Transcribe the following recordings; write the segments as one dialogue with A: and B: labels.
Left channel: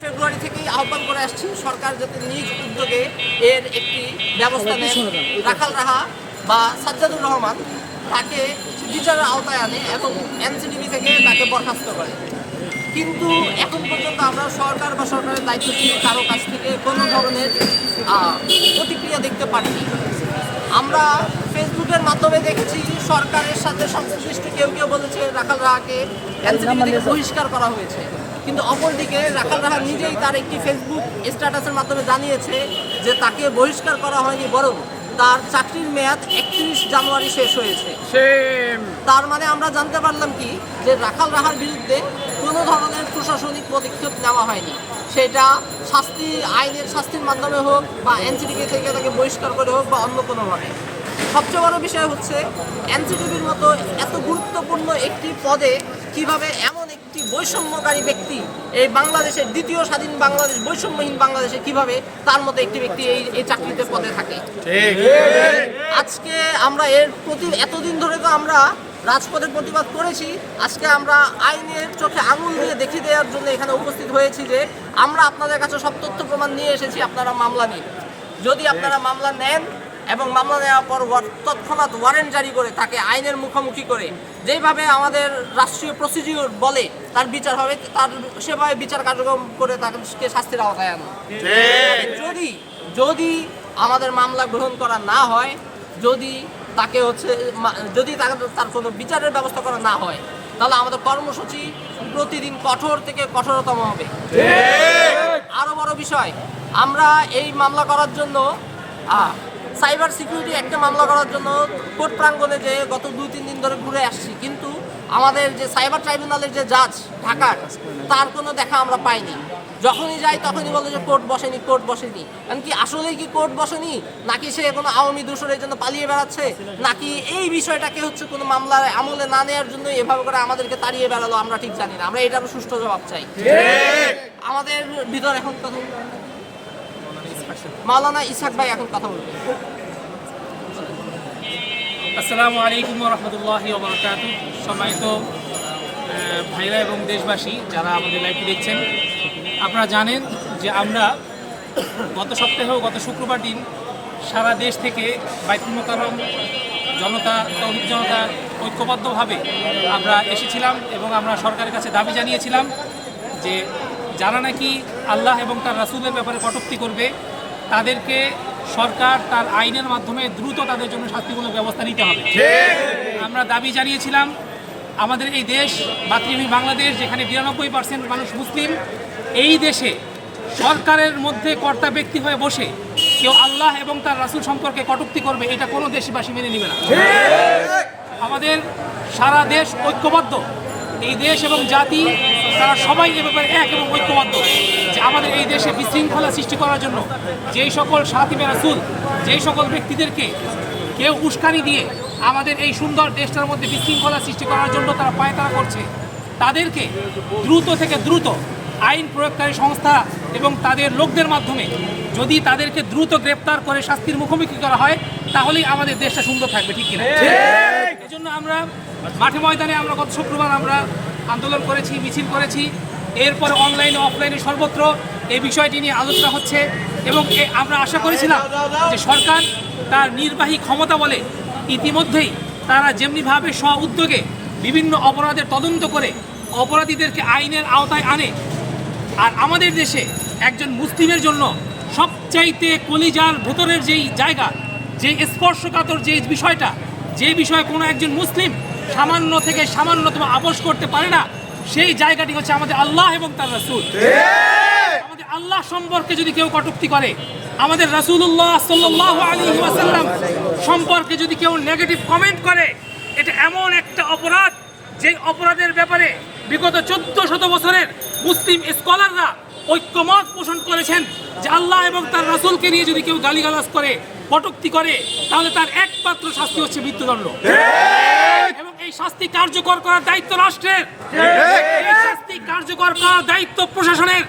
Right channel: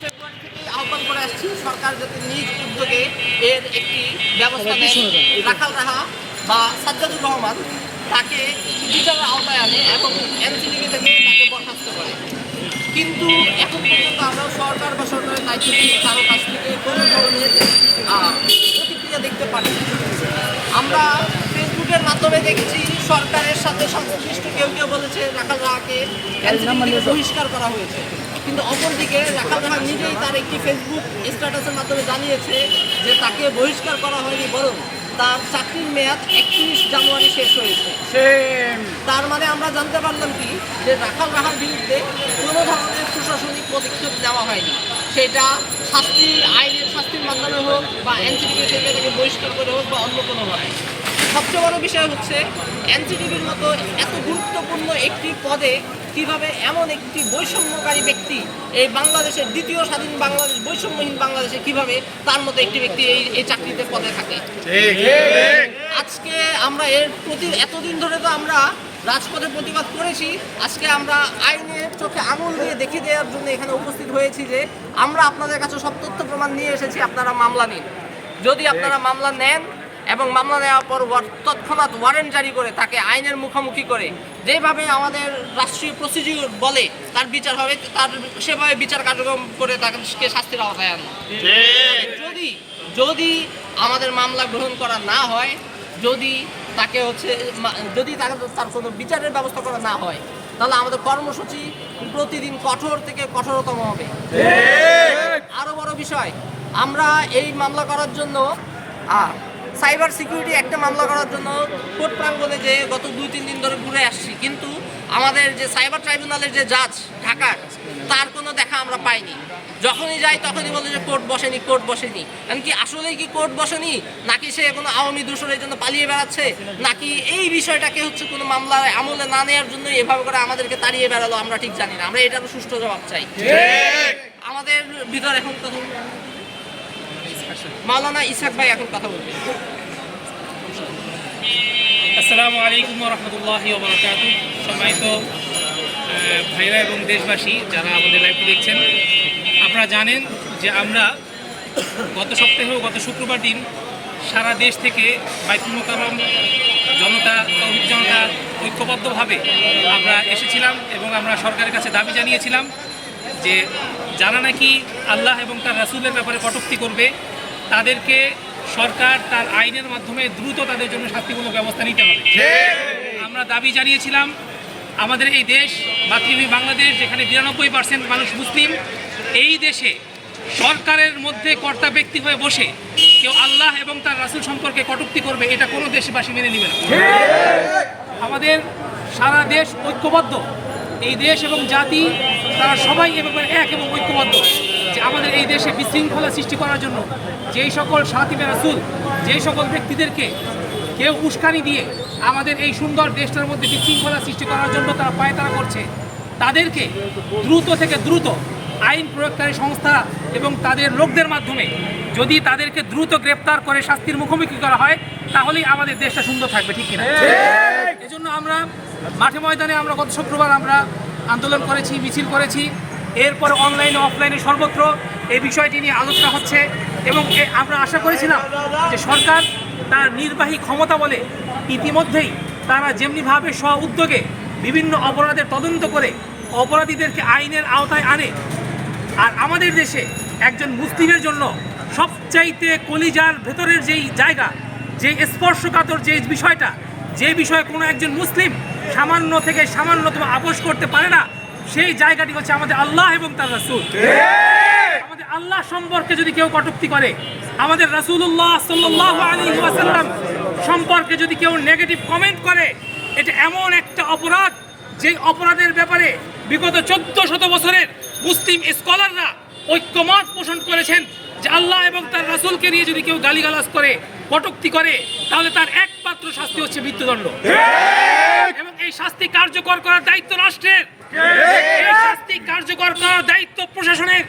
A: ফেব্রুয়ারি থেকেই আহ্বান করে আসছি সরকার যাতে নিজ উদ্যোগে এর একটি ব্যবস্থা নেন রাখাল রাহা বা সাজ্জাদুর রহমান তাকে বিচারের আওতায় আনে এবং এনসিটিভি থেকে তাকে বরখাস্ত করে। কিন্তু এখন পর্যন্ত আমরা সরকার বা সরকারের দায়িত্ব দায়িত্বশীল কারও কাছ থেকে কোনো ধরনের প্রতিক্রিয়া দেখতে পারি আমরা ফেসবুকের মাধ্যমে দেখেছি সরকারের সাথে সংশ্লিষ্ট কেউ কেউ বলেছে রাখাল রাহাকে এনসিটিভি থেকে বহিষ্কার করা হয়েছে। কিন্তু অপরদিকে রাখাল রাহা নিজেই তার একটি ফেসবুক স্ট্যাটাসের মাধ্যমে জানিয়েছে যে তাকে বহিষ্কার করা হয়নি বরং তার চাকরির মেয়াদ একত্রিশ জানুয়ারি শেষ হয়েছে। তার মানে আমরা জানতে পারলাম কি যে রাখাল রাহার বিরুদ্ধে কোনো ধরনের প্রশাসনিক পদক্ষেপ নেওয়া হয়নি। সেটা শাস্তির আইনের শাস্তির মাধ্যমে হোক বা এনসিটিভি থেকে তাকে বহিষ্কার করে হোক বা অন্য কোনোভাবে। সবচেয়ে বড় বিষয় হচ্ছে এনসিটিভির মতো এত গুরুত্বপূর্ণ একটি পদে কীভাবে এমন একটি বৈষম্যকারী ব্যক্তি এই বাংলাদেশের দ্বিতীয় স্বাধীন বাংলাদেশ বৈষম্যহীন বাংলাদেশে কীভাবে তার মতো একটি ব্যক্তি এই এই চাকরিতে পদে থাকে? আজকে আমরা এর প্রতি এতদিন ধরে তো আমরা রাজপথে প্রতিবাদ করেছি। আজকে আমরা আইনের চোখে আঙুল দিয়ে দেখিয়ে দেওয়ার জন্য এখানে উপস্থিত হয়েছি যে আমরা আপনাদের কাছে সব তথ্য প্রমাণ নিয়ে এসেছি আপনারা মামলা নিন। যদি আপনারা মামলা নেন এবং মামলা নেওয়ার পর তৎক্ষণাৎ ওয়ারেন্ট জারি করে তাকে আইনের মুখোমুখি করে। যেভাবে আমাদের রাষ্ট্রীয় প্রসিডিউর বলে তার বিচার হবে তার সেভাবে বিচার কার্যক্রম করে তাকে শাস্তির আওতায় আনো যদি যদি আমাদের মামলা গ্রহণ করা না হয় যদি তাকে হচ্ছে যদি তার তার কোনো বিচারের ব্যবস্থা করা না হয় তাহলে আমাদের কর্মসূচি প্রতিদিন কঠোর থেকে কঠোরতম হবে। আরও বড় বিষয় আমরা এই মামলা করার জন্য সাইবার সিকিউরিটি একটা মামলা করার জন্য কোর্ট প্রাঙ্গণে যে গত দুই তিন দিন ধরে ঘুরে আসছি। কিন্তু আমাদের যে সাইবার ট্রাইব্যুনালের যে জাজ ঢাকার তার কোনো দেখা আমরা পাইনি। যখনই যাই তখনই বলে যে কোর্ট বসেনি কোর্ট বসেনি। কারণ কি আসলেই কি কোর্ট বসেনি? নাকি সে কোনো আওয়ামী দূষণের জন্য পালিয়ে বেড়াচ্ছে? নাকি এই বিষয়টাকে হচ্ছে কোনো মামলার আমলে না নেওয়ার জন্য এভাবে করে আমাদেরকে তাড়িয়ে বেড়ালো আমরা ঠিক জানি না। আমরা এটারও সুষ্ঠু জবাব চাই। আমাদের ভিতর এখন কথা মাওলানা ইসাক ভাই এখন কথা বলবেন।
B: আসসালামু আলাইকুম রহমতুল্লাহ সম্মানিত ভাইরা এবং দেশবাসী যারা আমাদের লাইভটি দেখছেন, আপনারা জানেন যে আমরা গত সপ্তাহে গত শুক্রবার দিন সারা দেশ থেকে বাইতুল মোকারম জনতা, তৌহিদ জনতা ঐক্যবদ্ধভাবে আমরা এসেছিলাম এবং আমরা সরকারের কাছে দাবি জানিয়েছিলাম যে যারা নাকি আল্লাহ এবং তার রাসূলের ব্যাপারে কটূক্তি করবে তাদেরকে সরকার তার আইনের মাধ্যমে দ্রুত তাদের জন্য শাস্তিমূলক ব্যবস্থা নিতে হবে। আমরা দাবি জানিয়েছিলাম আমাদের এই দেশ মাতৃভূমি বাংলাদেশ যেখানে বিরানব্বই পার্সেন্ট মানুষ মুসলিম এই দেশে সরকারের মধ্যে কর্তা ব্যক্তি হয়ে বসে কেউ আল্লাহ এবং তার রাসুল সম্পর্কে কটুক্তি করবে এটা কোনো দেশবাসী মেনে নেবে না। আমাদের সারা দেশ ঐক্যবদ্ধ। এই দেশ এবং জাতি তারা সবাই এ ব্যাপারে এক এবং ঐক্যবদ্ধ যে আমাদের এই দেশে বিশৃঙ্খলা সৃষ্টি করার জন্য যেই সকল সাথিবে রাসুল যেই সকল ব্যক্তিদেরকে কেউ উস্কানি দিয়ে আমাদের এই সুন্দর দেশটার মধ্যে বিশৃঙ্খলা সৃষ্টি করার জন্য তারা পায়তারা করছে তাদেরকে দ্রুত থেকে দ্রুত আইন প্রয়োগকারী সংস্থা এবং তাদের লোকদের মাধ্যমে যদি তাদেরকে দ্রুত গ্রেপ্তার করে শাস্তির মুখোমুখি করা হয় তাহলেই আমাদের দেশটা সুন্দর থাকবে ঠিক কিনা? এজন্য আমরা মাঠে ময়দানে আমরা গত শুক্রবার আমরা আন্দোলন করেছি, মিছিল করেছি, এরপরে অনলাইনে অফলাইনে সর্বত্র এই বিষয়টি নিয়ে আলোচনা হচ্ছে এবং আমরা আশা করেছিলাম যে সরকার তার নির্বাহী ক্ষমতা বলে ইতিমধ্যেই তারা যেমনিভাবে স্ব উদ্যোগে বিভিন্ন অপরাধের তদন্ত করে অপরাধীদেরকে আইনের আওতায় আনে, আর আমাদের দেশে একজন মুসলিমের জন্য সবচাইতে কলিজার ভেতরের যেই জায়গা, যে স্পর্শকাতর যে বিষয়টা, যে বিষয়ে কোনো একজন মুসলিম সামান্য থেকে সামান্যতম আপোষ করতে পারে না সেই জায়গাটি হচ্ছে আমাদের আল্লাহ এবং তার রাসূল। আমাদের আল্লাহ সম্পর্কে যদি কেউ কটুক্তি করে আমাদের রাসূলুল্লাহ সাল্লাল্লাহু আলাইহি ওয়াসাল্লাম সম্পর্কে যদি কেউ নেগেটিভ কমেন্ট করে এটা এমন একটা অপরাধ যে অপরাধের ব্যাপারে বিগত চোদ্দ শত বছরের মুসলিম স্কলাররা ঐক্যমত পোষণ করেছেন যে আল্লাহ এবং তার রাসূলকে নিয়ে যদি কেউ গালিগালাজ করে কটুক্তি করে তাহলে তার একমাত্র শাস্তি হচ্ছে মৃত্যুদণ্ড। এবং এই শাস্তি কার্যকর করার দায়িত্ব রাষ্ট্রের। এই শাস্তি কার্যকর করার দায়িত্ব প্রশাসনের।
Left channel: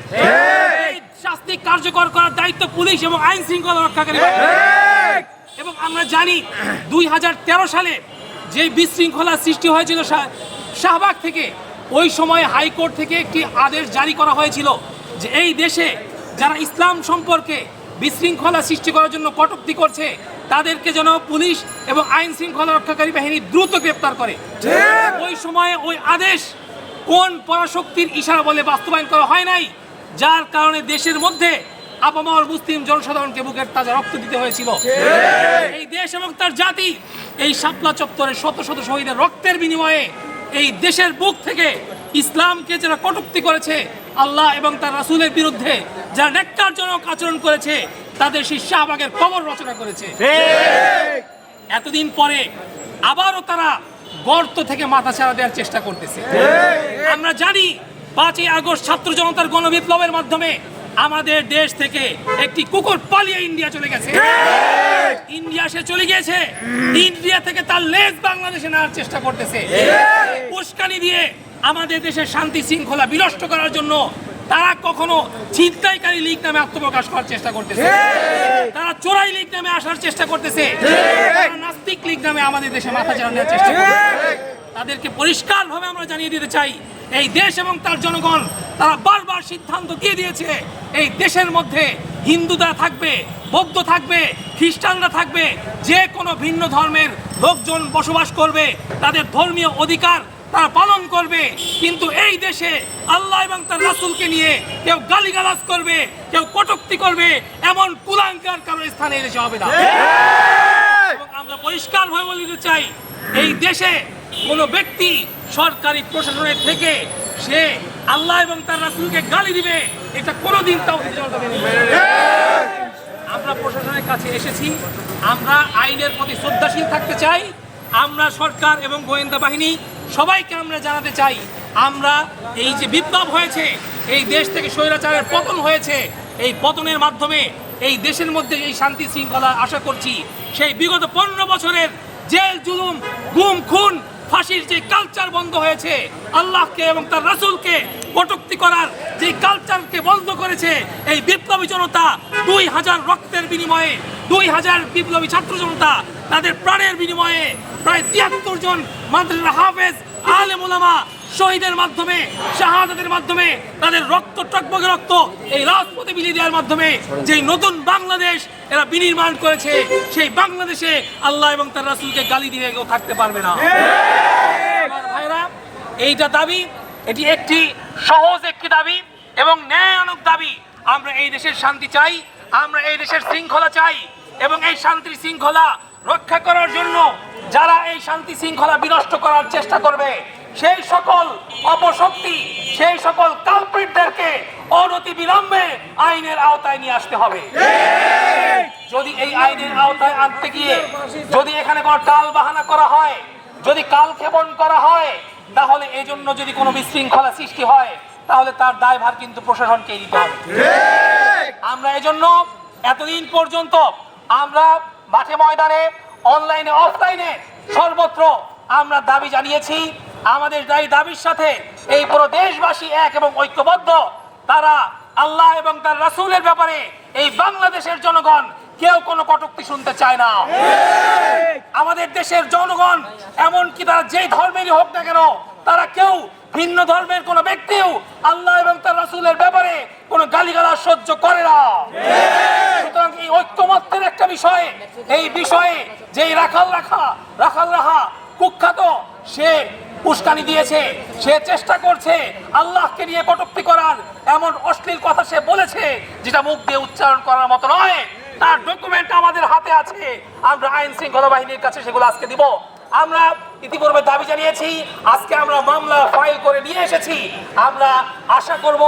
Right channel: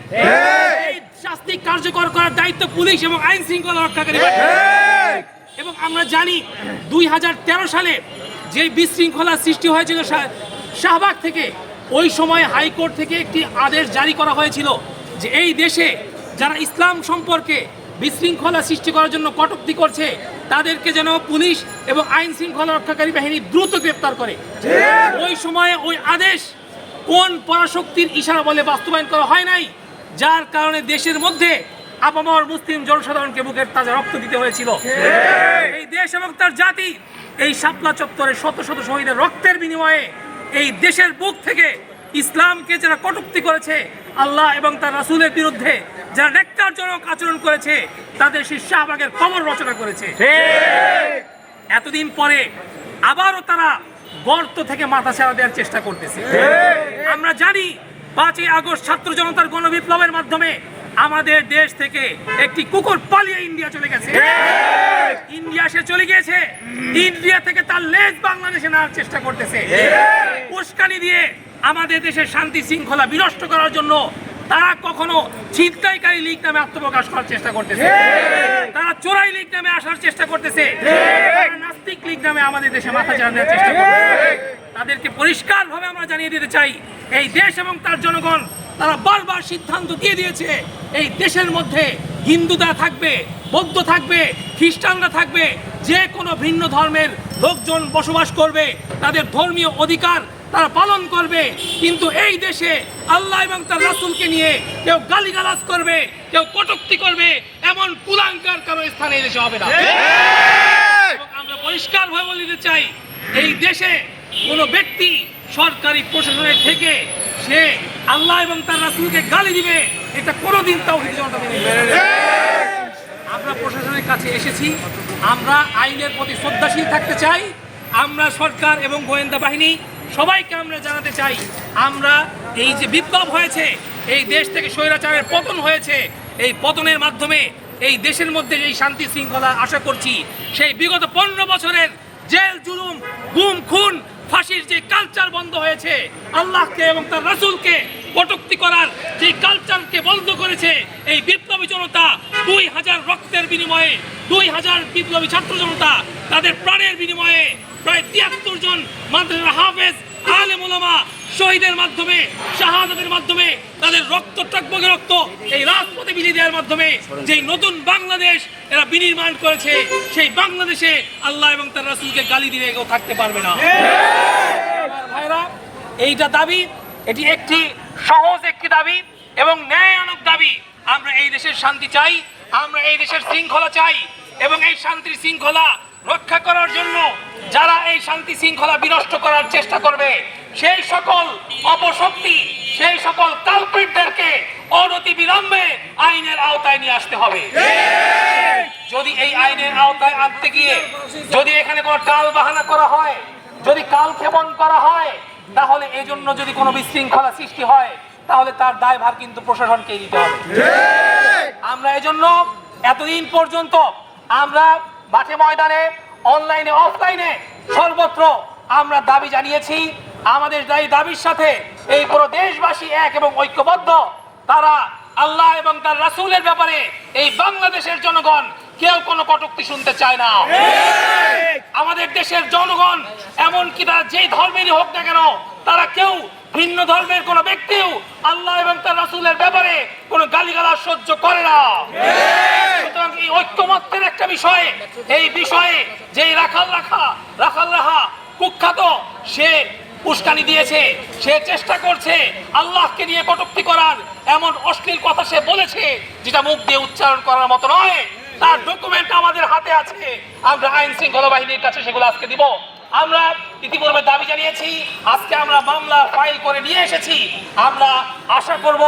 B: এই শাস্তি কার্যকর করার দায়িত্ব পুলিশ এবং আইন শৃঙ্খলা রক্ষাকারী। এবং আমরা জানি দুই হাজার তেরো সালে যে বিশৃঙ্খলা সৃষ্টি হয়েছিল শাহবাগ থেকে ওই সময় হাইকোর্ট থেকে একটি আদেশ জারি করা হয়েছিল যে এই দেশে যারা ইসলাম সম্পর্কে বিশৃঙ্খলা সৃষ্টি করার জন্য কটূক্তি করছে তাদেরকে যেন পুলিশ এবং আইন শৃঙ্খলা রক্ষাকারী বাহিনী দ্রুত গ্রেপ্তার করে। ওই সময়ে ওই আদেশ কোন পরাশক্তির ইশারা বলে বাস্তবায়ন করা হয় নাই যার কারণে দেশের মধ্যে আপামর মুসলিম জনসাধারণকে বুকের তাজা রক্ত দিতে হয়েছিল। এই দেশ এবং তার জাতি এই শাপলা চত্বরে শত শত শহীদের রক্তের বিনিময়ে এই দেশের বুক থেকে ইসলামকে যারা কটুক্তি করেছে আল্লাহ এবং তার রাসূলের বিরুদ্ধে যারা নেকটারজনক আচরণ করেছে তাদের সেই শাহবাগের কবর রচনা করেছে। এতদিন পরে আবারও তারা গর্ত থেকে মাথা ছাড়া দেওয়ার চেষ্টা করতেছে। আমরা জানি পাঁচই আগস্ট ছাত্র জনতার গণবিপ্লবের মাধ্যমে আমাদের দেশ থেকে একটি কুকুর পালিয়ে ইন্ডিয়া চলে গেছে। ইন্ডিয়া সে চলে গিয়েছে। ইন্ডিয়া থেকে তার লেজ বাংলাদেশে নেওয়ার চেষ্টা করতেছে। উস্কানি দিয়ে আমাদের দেশের শান্তি শৃঙ্খলা বিনষ্ট করার জন্য তারা কখনো ছিনতাইকারী লীগ নামে আত্মপ্রকাশ করার চেষ্টা করতেছে। তারা চোরাই লীগ নামে আসার চেষ্টা করতেছে। তারা নাস্তিক লীগ নামে আমাদের দেশে মাথা চালানোর চেষ্টা করতেছে। তাদেরকে পরিষ্কারভাবে আমরা জানিয়ে দিতে চাই, এই দেশ এবং তার জনগণ, তারা বারবার সিদ্ধান্ত দিয়ে দিয়েছে, এই দেশের মধ্যে হিন্দুরা থাকবে, বৌদ্ধ থাকবে, খ্রিস্টানরা থাকবে, যে কোনো ভিন্ন ধর্মের লোকজন বসবাস করবে, তাদের ধর্মীয় অধিকার তারা পালন করবে কিন্তু এই দেশে আল্লাহ এবং তার রাসূলকে নিয়ে কেউ গালিগালাজ করবে কেউ কটূক্তি করবে এমন কুলাঙ্কার কারও স্থানে এই দেশে হবে না। আমরা পরিষ্কারভাবে বলে দিতে চাই এই দেশে কোনো ব্যক্তি সরকারি প্রশাসনের থেকে সে আল্লাহ এবং তার রাসূলকে গালি দিবে এটা কোনোদিন তাও আমরা প্রশাসনের কাছে এসেছি আমরা আইনের প্রতি শ্রদ্ধাশীল থাকতে চাই আমরা সরকার এবং গোয়েন্দা বাহিনী সবাইকে আমরা জানাতে চাই, আমরা এই যে বিপ্লব হয়েছে, এই দেশ থেকে স্বৈরাচারের পতন হয়েছে, এই পতনের মাধ্যমে এই দেশের মধ্যে এই শান্তি শৃঙ্খলা আশা করছি, সেই বিগত পনেরো বছরের জেল, জুলুম, গুম, খুন, ফাঁসির যে কালচার বন্ধ হয়েছে, আল্লাহকে এবং তার রাসূলকে কটুক্তি করার যে কালচারকে বন্ধ করেছে, এই বিপ্লবী জনতা দুই হাজার রক্তের বিনিময়ে, দুই হাজার বিপ্লবী ছাত্র জনতা তাদের প্রাণের বিনিময়ে প্রায় তিয়াত্তর জন মাদ্রাসা হাফেজ, আলেম ওলামা শহীদের মাধ্যমে, শাহাদাতের মাধ্যমে তাদের রক্ত, টকবগে রক্ত এই রাজপথে বিলিয়ে দেওয়ার মাধ্যমে যেই নতুন বাংলাদেশ এরা বিনির্মাণ করেছে, সেই বাংলাদেশে আল্লাহ এবং তার রাসূলকে গালি দিয়ে কেউ থাকতে পারবে না। ভাইরা এইটা দাবি, এটি একটি সহজ একটি দাবি এবং ন্যায়ানক দাবি। আমরা এই দেশের শান্তি চাই, আমরা এই দেশের শৃঙ্খলা চাই এবং এই শান্তির শৃঙ্খলা রক্ষা করার জন্য যারা এই শান্তি শৃঙ্খলা বিনষ্ট করার চেষ্টা করবে সেই সকল অপশক্তি সেই সকল কালপ্রিটদেরকে অনতি বিলম্বে আইনের আওতায় নিয়ে আসতে হবে। যদি এই আইনের আওতায় আনতে গিয়ে যদি এখানে কোনো টাল বাহানা করা হয় যদি কাল ক্ষেপণ করা হয় তাহলে এই জন্য যদি কোনো বিশৃঙ্খলা সৃষ্টি হয় তাহলে তার দায়ভার কিন্তু প্রশাসনকে নিতে হবে। আমরা এই জন্য এতদিন পর্যন্ত আমরা মাঠে ময়দানে অনলাইনে অফলাইনে সর্বত্র আমরা দাবি জানিয়েছি। আমাদের এই দাবির সাথে এই পুরো দেশবাসী এক এবং ঐক্যবদ্ধ। তারা আল্লাহ এবং তার রাসূলের ব্যাপারে এই বাংলাদেশের জনগণ কেউ কোনো কটুক্তি শুনতে চায় না। আমাদের দেশের জনগণ এমনকি তারা যেই ধর্মেরই হোক না কেন তারা কেউ ভিন্ন ধর্মের কোন ব্যক্তিও আল্লাহ এবং তার রাসূলের ব্যাপারে কোনো গালিগালাজ সহ্য করে না। সুতরাং এই ঐক্যমত্যের একটা বিষয়, এই বিষয়ে যেই রাখাল রাখা, রাখাল রাহা কুখ্যাত, সে উস্কানি দিয়েছে, সে চেষ্টা করছে আল্লাহকে নিয়ে কটূক্তি করার এমন অশ্লীল কথা সে বলেছে, যেটা মুখ দিয়ে উচ্চারণ করার মতো নয়। তার ডকুমেন্ট আমাদের হাতে আছে। আমরা আইন শৃঙ্খলা বাহিনীর কাছে সেগুলো আজকে দিব। আমরা ইতিপূর্বে দাবি জানিয়েছি, আজকে আমরা মামলা ফাইল করে নিয়ে এসেছি। আমরা আশা করব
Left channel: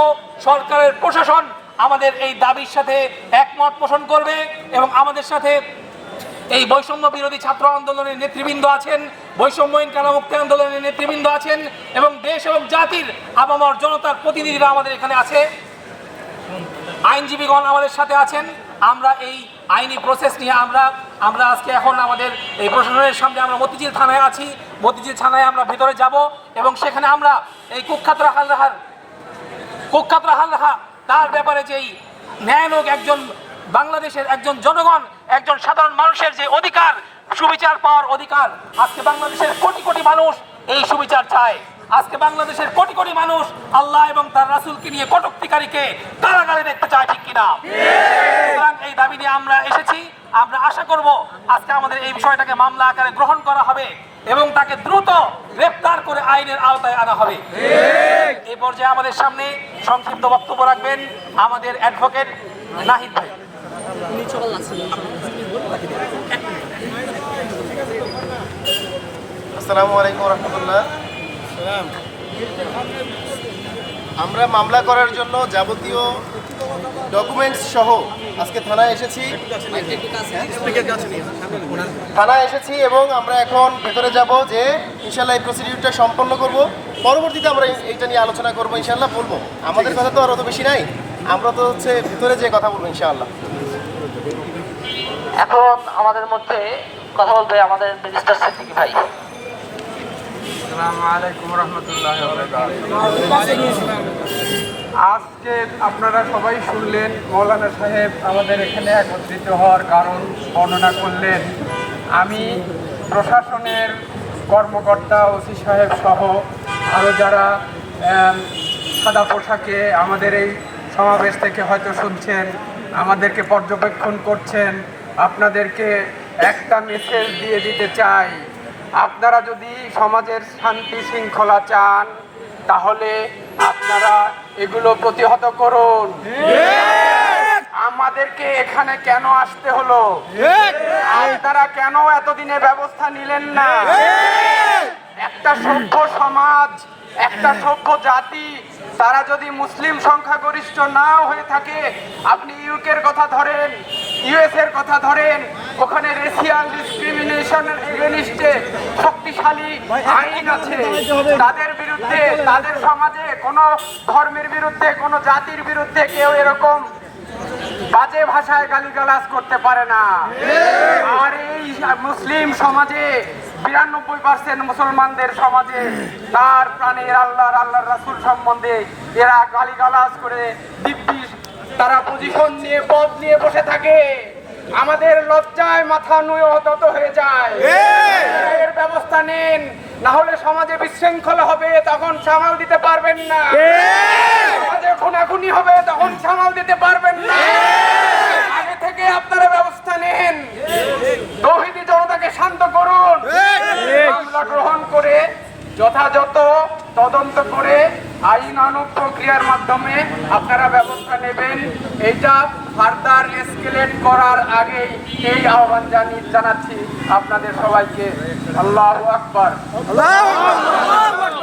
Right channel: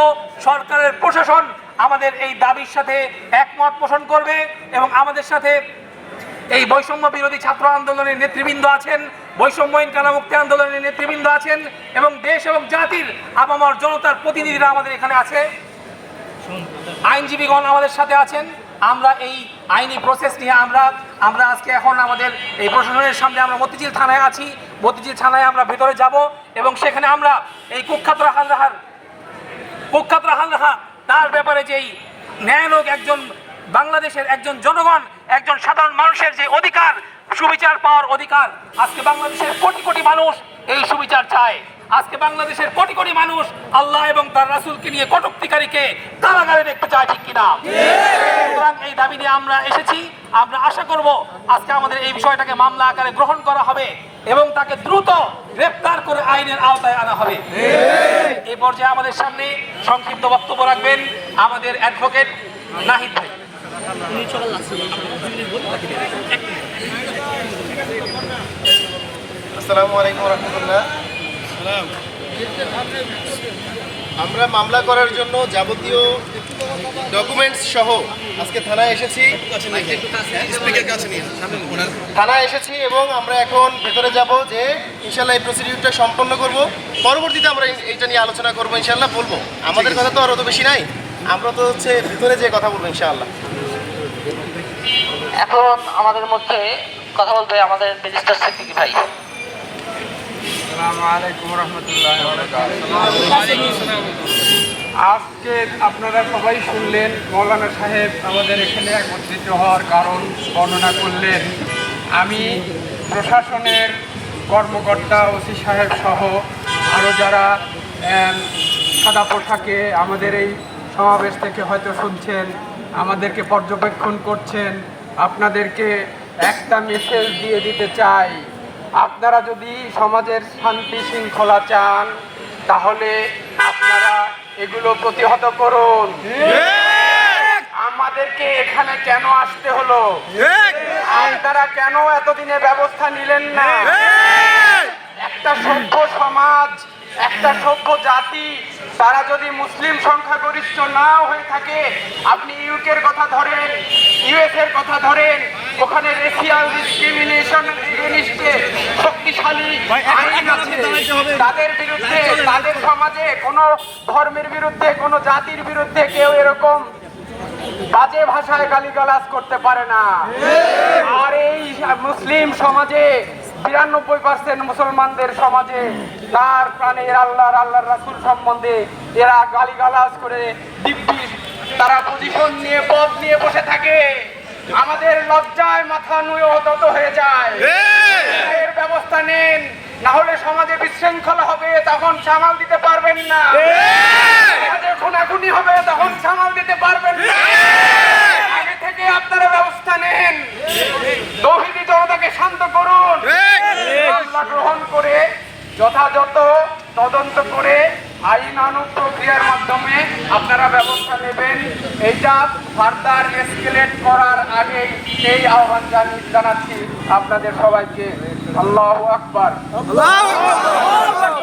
B: সরকারের প্রশাসন আমাদের এই দাবির সাথে একমত পোষণ করবে এবং আমাদের সাথে এই বৈষম্য বিরোধী ছাত্র আন্দোলনের নেতৃবৃন্দ আছেন বৈষম্যহীন কানামুক্তি আন্দোলনের নেতৃবৃন্দ আছেন এবং দেশ এবং জাতির আপামর জনতার প্রতিনিধিরা আমাদের এখানে আছে। আইনজীবীগণ আমাদের সাথে আছেন। আমরা এই আইনি প্রসেস নিয়ে আমরা আমরা আজকে এখন আমাদের এই প্রশাসনের সামনে আমরা মতিঝিল থানায় আছি। মতিঝিল থানায় আমরা ভেতরে যাব এবং সেখানে আমরা এই কুখ্যাত রাখাল রাহার কুখ্যাত রাখাল রাহা, তার ব্যাপারে যেই ন্যায়ালোক একজন বাংলাদেশের একজন জনগণ, একজন সাধারণ মানুষের যে অধিকার, সুবিচার পাওয়ার অধিকার, আজকে বাংলাদেশের কোটি কোটি মানুষ এই সুবিচার চায়। আজকে বাংলাদেশের কোটি কোটি মানুষ আল্লাহ এবং তার রাসূলকে নিয়ে কটুক্তিকারীকে কারাগারে দেখতে চায় ঠিক কিনা? সুতরাং এই দাবি নিয়ে আমরা এসেছি। আমরা আশা করব আজকে আমাদের এই বিষয়টাকে মামলা আকারে গ্রহণ করা হবে এবং তাকে দ্রুত গ্রেফতার করে আইনের আওতায় আনা হবে। এই পর্যায়ে আমাদের সামনে সংক্ষিপ্ত বক্তব্য রাখবেন আমাদের অ্যাডভোকেট নাহিদ ভাই।
C: আসসালামু আলাইকুম রহমতুল্লাহ। আমরা মামলা করার জন্য যাবতীয় ডকুমেন্টস সহ আজকে থানায় এসেছি। থানায় এসেছি এবং আমরা এখন ভেতরে যাব যে ইনশাল্লাহ এই প্রসিডিউরটা সম্পন্ন করব। পরবর্তীতে আমরা এই- এইটা নিয়ে আলোচনা করব ইনশাল্লাহ বলব। আমাদের কথা তো আর অত বেশি নাই। আমরা তো হচ্ছে ভেতরে যে কথা বলব ইনশাআল্লাহ।
A: এখন আমাদের মধ্যে কথা বলবে আমাদের মিনিস্টার সিদ্দিকী ভাই।
D: আজকে আপনারা সবাই শুনলেন, মৌলানা সাহেব আমাদের এখানে একত্রিত হওয়ার কারণ বর্ণনা করলেন। আমি প্রশাসনের কর্মকর্তা ওসি সাহেব সহ আরও যারা সাদা পোশাকে আমাদের এই সমাবেশ থেকে হয়তো শুনছেন, আমাদেরকে পর্যবেক্ষণ করছেন, আপনাদেরকে একটা মেসেজ দিয়ে দিতে চাই। আপনারা যদি সমাজের শান্তি শৃঙ্খলা চান তাহলে আপনারা এগুলো প্রতিহত করুন। আমাদেরকে এখানে কেন আসতে হলো? আপনারা কেন এতদিনে ব্যবস্থা নিলেন না? একটা সভ্য সমাজ একটা সভ্য জাতি তারা যদি মুসলিম সংখ্যাগরিষ্ঠ নাও হয়ে থাকে আপনি ইউকের কথা ধরেন ইউএস এর কথা ধরেন ওখানে রেশিয়াল ডিসক্রিমিনেশন এগেনিস্টে শক্তিশালী আইন আছে। তাদের বিরুদ্ধে তাদের সমাজে কোনো ধর্মের বিরুদ্ধে কোনো জাতির বিরুদ্ধে কেউ এরকম বাজে ভাষায় গালিগালাজ করতে পারে না। আর এই মুসলিম সমাজে বিরানব্বই পার্সেন্ট মুসলমানদের সমাজে তার প্রাণের আল্লাহর আল্লাহর রাসুল সম্বন্ধে এরা গালিগালাজ করে দিব্যি তারা পজিশন নিয়ে পদ নিয়ে বসে থাকে। আমাদের লজ্জায় মাথা নুয়ে হত হয়ে যায়। এর ব্যবস্থা নেন না হলে সমাজে বিশৃঙ্খল হবে তখন সামাল দিতে পারবেন না। সমাজে খুনাখুনি হবে তখন সামাল দিতে পারবেন না। আগে থেকে আপনারা ব্যবস্থা নেন। তৌহিদি জনতাকে শান্ত মামলা গ্রহণ করে যথাযথ তদন্ত করে আইনানুগ প্রক্রিয়ার মাধ্যমে আপনারা ব্যবস্থা নেবেন। এইটা ফার্দার এসকেলেট করার আগে এই আহ্বান জানি- জানাচ্ছি আপনাদের সবাইকে। আল্লাহ আকবার।